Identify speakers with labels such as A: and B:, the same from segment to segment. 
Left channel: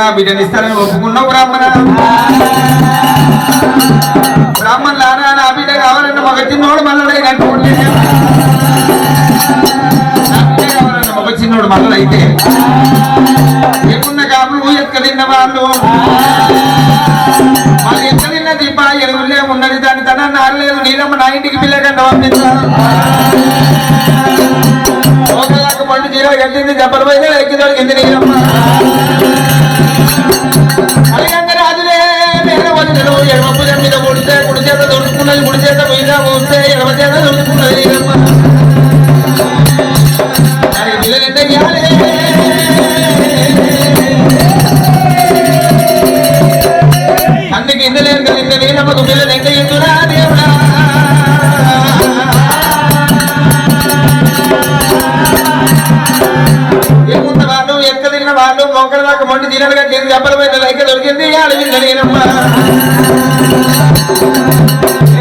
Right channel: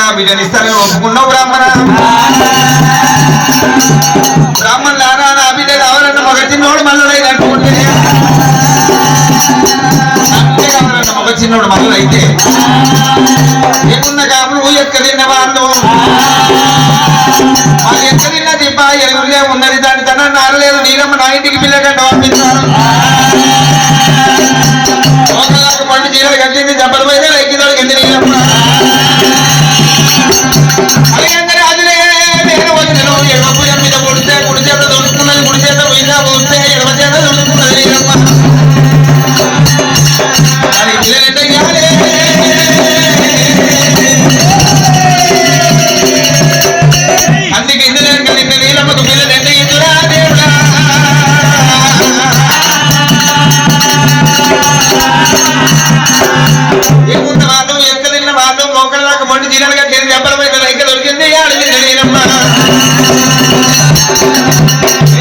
A: నా బిడ్డని ఇస్తారని ఒప్పుకున్నావు బ్రాహ్మణ. బ్రాహ్మణులారా నా బిడ్డ కావాలన్న మగ చిన్నోడు మల్లడై అంటుంటే బిడ్డ కావాలన్న మగ చిన్నోడు మల్లడైతే ఏమున్న కాపులు ఎక్క తిన్న వాళ్ళు వాళ్ళు ఎక్క తిన్న దిబ్బ ఎరుగులే ఉన్నది. దాని తన నారలేదు నీలమ్మ నా ఇంటికి పిల్లకంట పండు చీరలు కట్టింది. దెబ్బల మీద ఎక్కిదాడు మొక్కలకు మొండి జీరాలు కట్టేది మీద దొరికింది నేను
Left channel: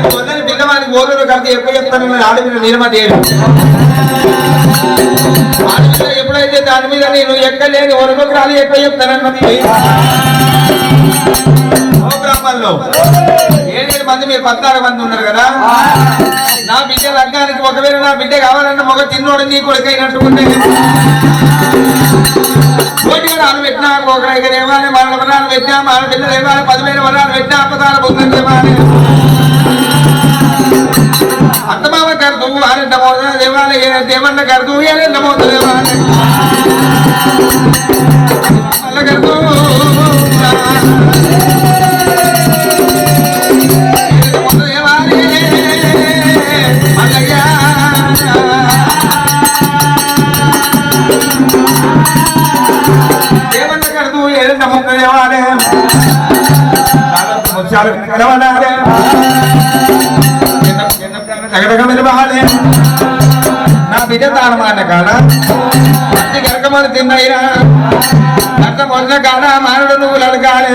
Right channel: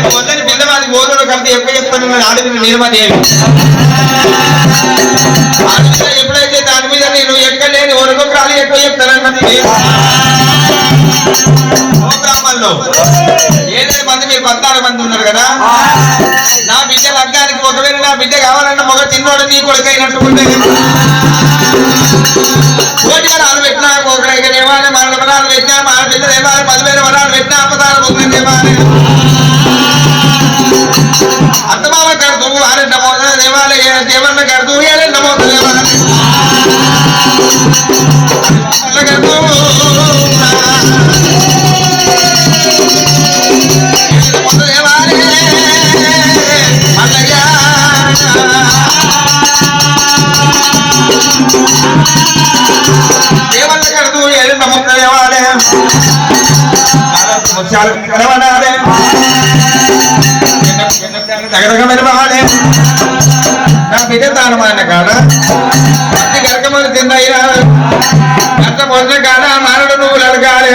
A: వద్దని పిల్లవాడికి ఓదుడు కలిసి చెప్తాను ఆడపిల్ల నీలమాదేవి ఎప్పుడైతే దాని మీద నేను ఎక్కలేని ఒరకొకరాలు ఎక్కువ చెప్తానన్నది ఓ ఏడేడు మంది మీరు పద్నాలుగు మంది ఉన్నారు కదా. నా బిడ్డ లగ్గానికి ఒకవేళ నా బిడ్డ కావాలన్న మొగ తిన్నోడు నీ కొడుకైనట్టు ఉంటే కోటి వరాలు పెట్టినా ఒకరికి దేవాలయం మన వరాలు పెట్టాం మా పిల్ల దేవాలయం పదివేల వరాలు పెట్టాం అపదాలు పొందిన దేవాలయం. అత్తమావ కడుతూ ఆరెండ మోత దేవాలి దేవన్న కడుతూ ఏడెండ మోత దేవాలయం. మల్ల కడుతూ ముత్యాలు కలవనాలే. తగదగ మెరవాలి నా బిడ్డ తాళమాన కాడ పత్తి గరకమని తిన్నయ్యా. అంత మొన్న కాడ మానడు నువ్వులు అడగాలి.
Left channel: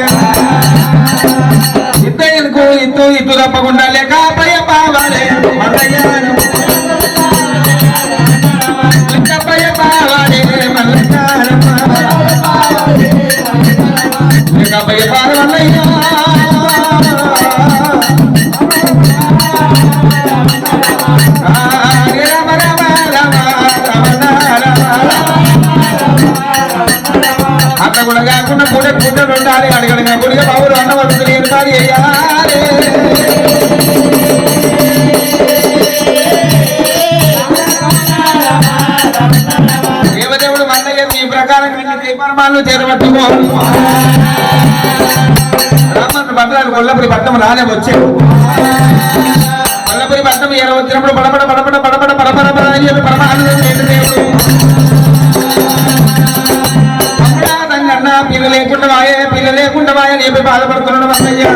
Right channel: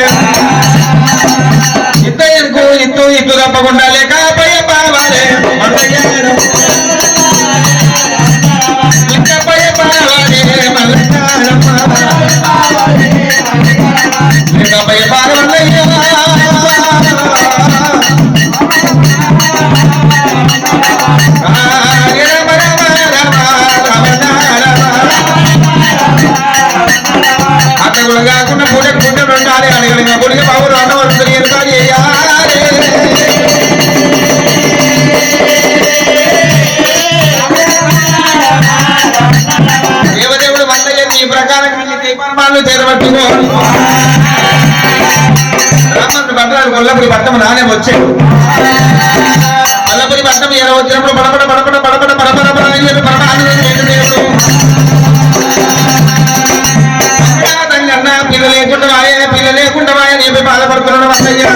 A: ఇద్దరు ఇత్తు ఇత్తు తప్పకుండా లేక పయ్య పావాలి. దీపాలు చేరబట్టుకో బ్రాహ్మణుడు కొల్లపురి పట్టం నానే వచ్చాడు. కొల్లపురి పట్టం ఏర వచ్చినప్పుడు పడపడ పడపడ పడపడ పడపడ పడ అని చెప్పి పరమానందం ఏంటి పిల్ల లేకుండా ఆయన పిల్ల లేకుండా ఆయన చెప్పి బాధపడుతున్నాడు వస్తయ్యా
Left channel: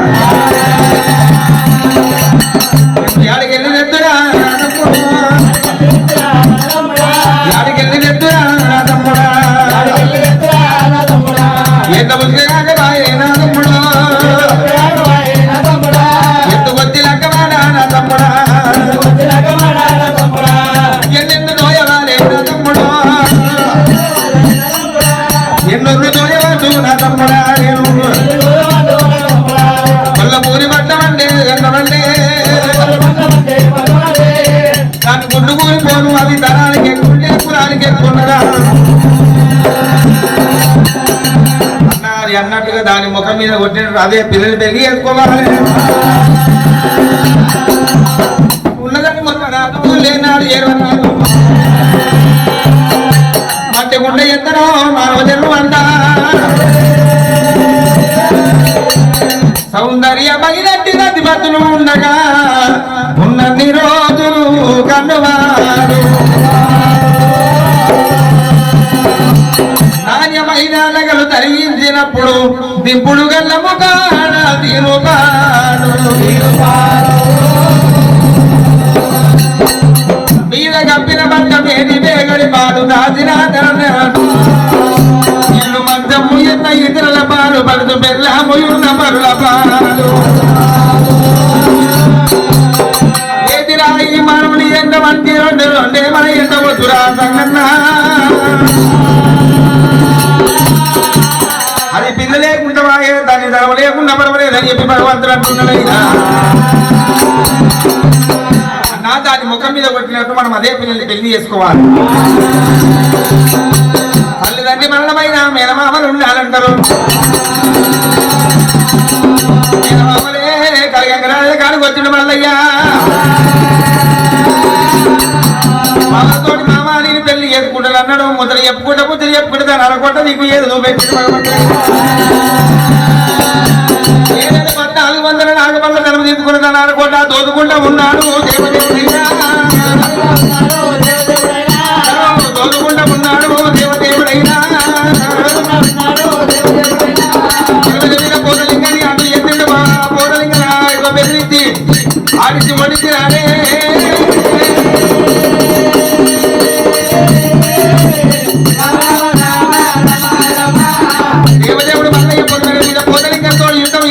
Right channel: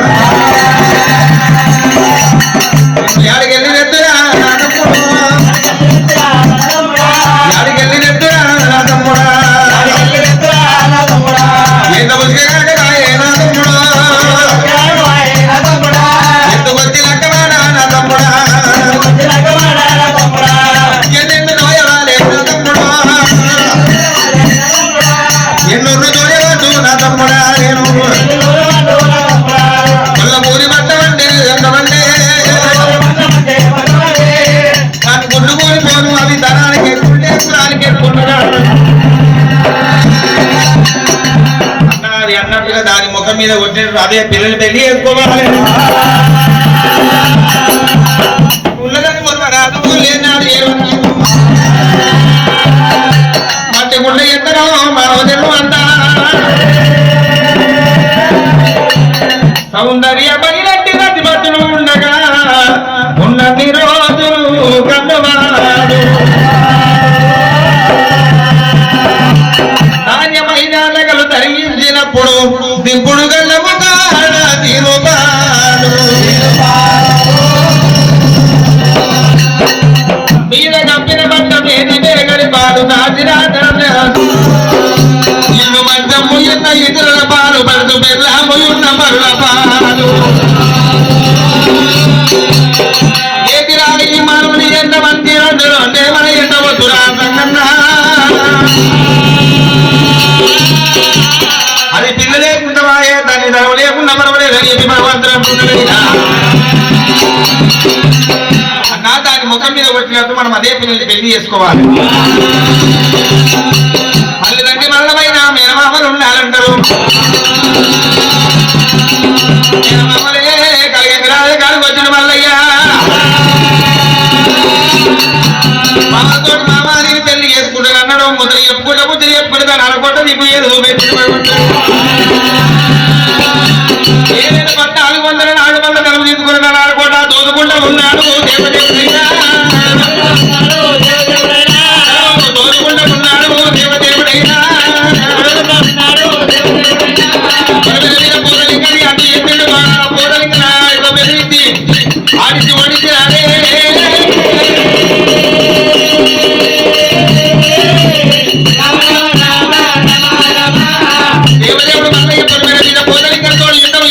A: గుండు అవి ధనానికి ఎక్కుంటే పురానికి అన్నది అన్నట్టుగా దాని ముఖం మీద కొట్టినట్టు అదే పిల్లలు పెళ్ళి చేసుకోవాలి. దింపుడు గల్లము కాడ తిరుపాడు మీద కప్పిన బట్ట మేది బేగరి పాలు నాడు దాచిన ఇల్లు మంచము ఎన్న ఇతరుల పాలు పడుతూ బెల్లము ఉన్న పరుల పాలు. ఏదిరా ఈ ఎంత మంచి రెండు అంటే మన ఎంత వద్దురా సంగన్నా పడవలేదని భగవంతుడు అంటున్నాడయ్యా అన్నా దాని ముఖం మీద కొట్టినట్టు మనం అదే పిల్లల్ని పెళ్ళి చేసుకోవాలి. తల్లిదండ్రి మల్లమైన మేనమామలు ఉండాలంటారు. మేనమామలే కలిగే కాడికి వచ్చిన మల్లయ్యా. మామతోటి మామ నేను పెళ్ళి చేసుకుంటాను అన్నాడు ముద్ర చెప్పుకుంటే ముద్ర చెప్పుకుంటే దాన్ని అనుకుంటా నీకు ఏదో ఏదైనా నలుగు తీసుకున్నాను అనుకుంటా దోదుకుంటూ ఉన్నాడు. దోదుకుంటూ ఉన్నాడు దేవదేవుడైనా ఆడిచి ఒడిచి రాలే దేవదేవుడు మీద పోతలింగంతో యుద్ధం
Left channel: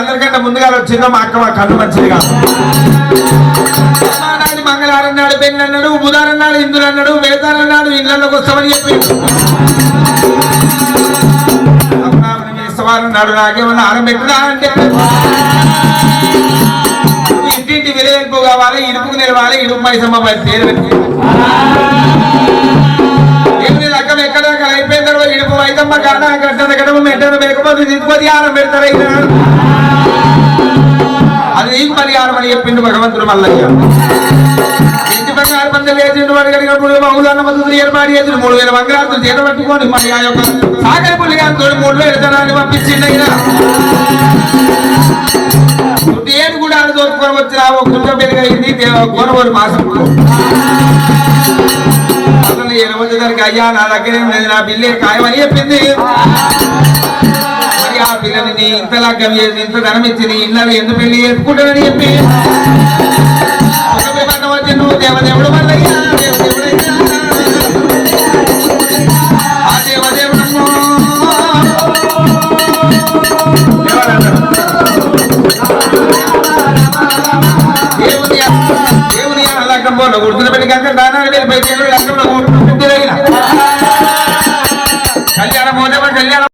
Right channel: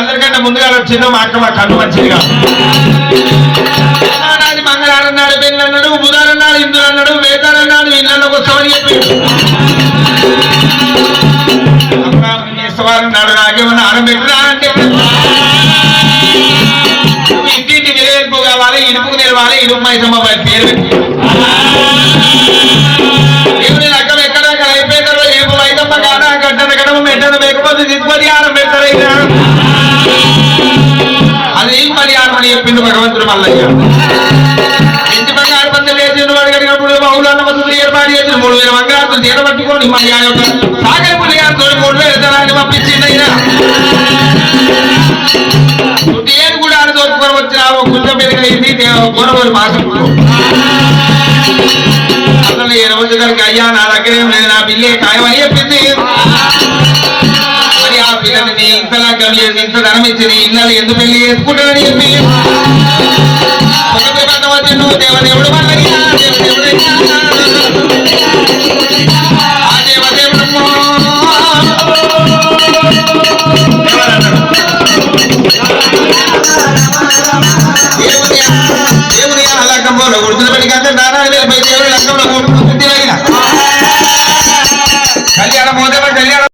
A: అందరికంటే ముందుగా వచ్చిందో మా అక్క మా కన్ను మంచిదిగా నాడు వస్తామని చెప్పి. వారం నాడు నాకేమన్నా ఆనం ఇంటింటి విలువెల్పు కావాలి ఇనుపుకు నిలవాలి ఇనుపు మైసమ్మ పేరు పెట్టి. రకం లెక్కం ఎక్కడ అయిపోయిన తర్వాత ఇనుపు వైదమ్మ కాదా గడ్డన గడమ మెట్టన వేకపోతే తీసుకొని ఆనం పెడతారు అది పరిహారం అని చెప్పింది భగవంతుడు మల్లయ్య. మందులు ఏర్పాటు చేసిన మూడు వేల మంగళాతులు చేత పట్టుకొని మళ్ళీ ఆ యొక్క సాగర పుల్లి గారితో మూడు వేల జనాన్ని పంపించింది అయినా ఏడు కూడా ఆడ దోచుకొని వచ్చిన ఆ కొంచెం పెరిగింది కొనబోలు మాసం అసలు ఏ రోజు గారికి అయ్యా నా దగ్గర ఏం లేదు, నా బిల్లే ఖాయమని చెప్పింది మరి ఆ పిల్లని నీ ఇంత లగ్గం చేసి ఇంత ధనం ఇచ్చి నీ ఇళ్ళని ఎందుకు పెళ్లి చేసుకుంటానని చెప్పి ఒకటి పడ్డ వచ్చి నువ్వు దేవదేవుడు మల్లయ్యా దేవదేవుడైనా